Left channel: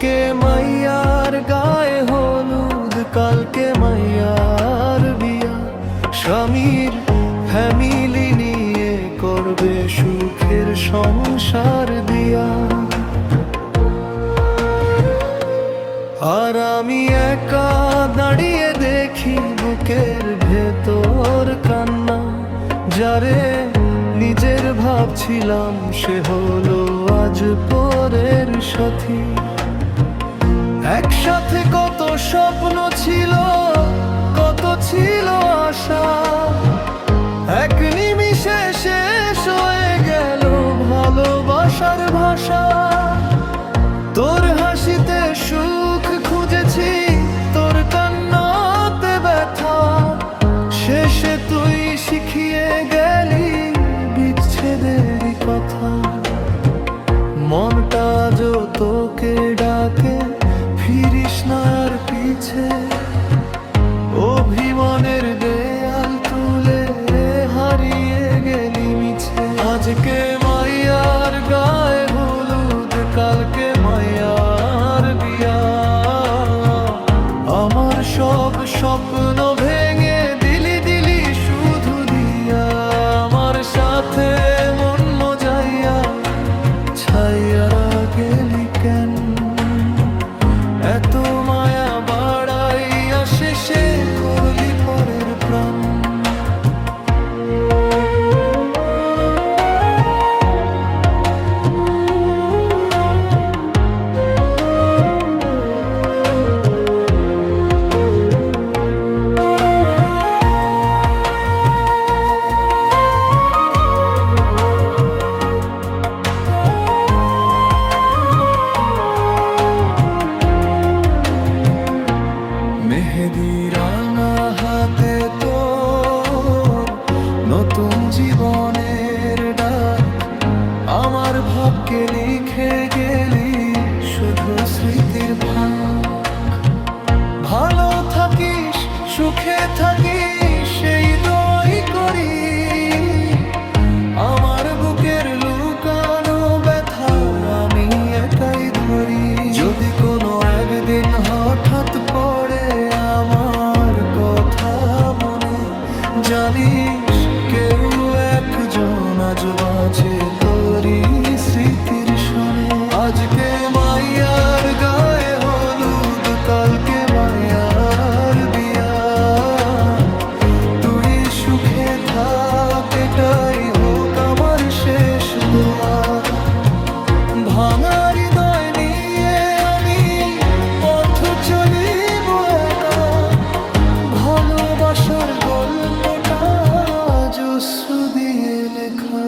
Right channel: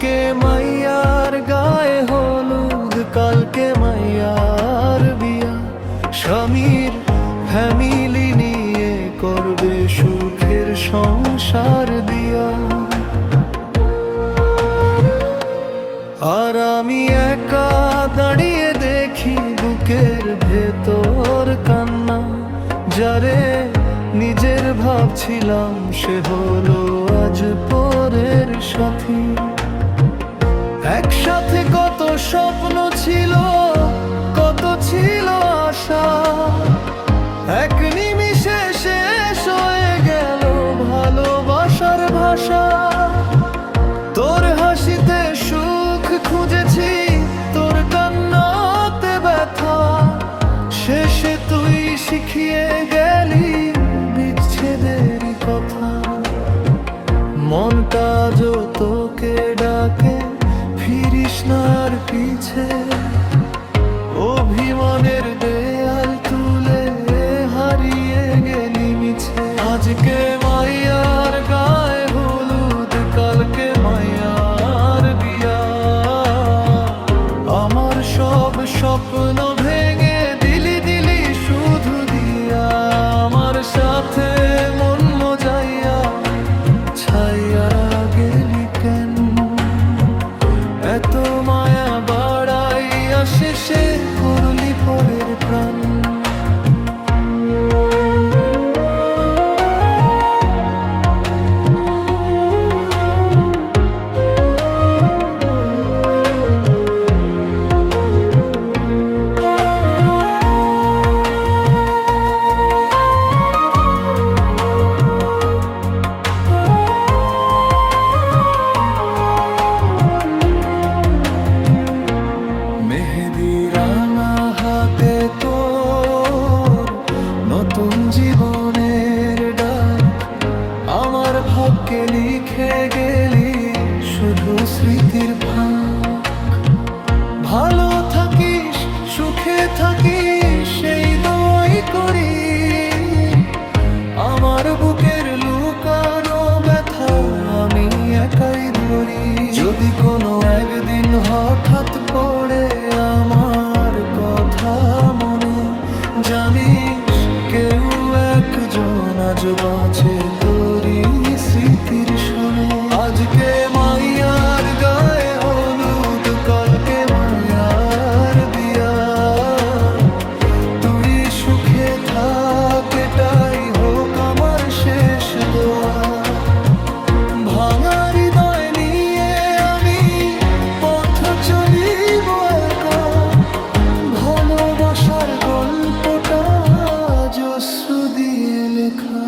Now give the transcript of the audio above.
আজকে মাইয়ার গায়ে হলুদ, কালকে মাইয়ার বিয়া। স্বামীর ফ্যামিলি নিয়ে করবে সুখের সংসার দিয়া। আর আমি একা দাঁড়িয়ে দেখি বুকের ভেতর কান্না। যারে নিজের ভাবছিলাম সে হলো আজ পরের সাথী। একসাথে কত স্বপ্ন ছিল, কত ছিল আশা, এক নিমিষে শেষ হয়ে গেল ভালোবাসার ভাষা। তোর হাসিতে সুখ খুঁজেছি, তোর কান্নাতে ব্যথা। শেষে তুই শিখিয়ে গেলি বিচ্ছেদেরই কথা। মনটা যো তোকে ডাকে, ফিরিস না আর পিছে। অভিমানের দেয়াল তুলে হারিয়ে গেলি মিছে। আজকে মাইয়ার গায়ে হলুদ, কালকে মাইয়ার বিয়া। আমার সব স্বপ্ন ভেঙে দিলি দিলি শুধু দিয়া। আমার সাথে মন মজাইয়া ছাইয়ারা গেলি কেন? এত মায়া বাড়াইয়া শেষে করলি পরের প্রাণ। মেহেদি রাঙা হাতে তোর নতুন জীবনের ডাক। আমার ভাগ্যে লিখে গেলি শুধু স্মৃতির ফাঁক। ভালো থাকিস, সুখে থাকিস, সেই দোয়াই করি। আমার বুকের লুকানো ব্যথা আমি একাই ধরি। যদি কোনো একদিন হঠাৎ পড়ে আমার কথা মনে, জানিস কেউ একজন আজ বাঁচে তোরই স্মৃতির শোনে। আজকে মাইয়ার গায়ে হলুদ, কালকে মাইয়ার বিয়া। তুই সুখে থাক, এটাই হোক আমার শেষ দোয়া। ভাঙা হৃদয় নিয়ে আমি পথ চলিব একা। ভালোবাসার গল্পটা অশ্রু দিয়ে লেখা।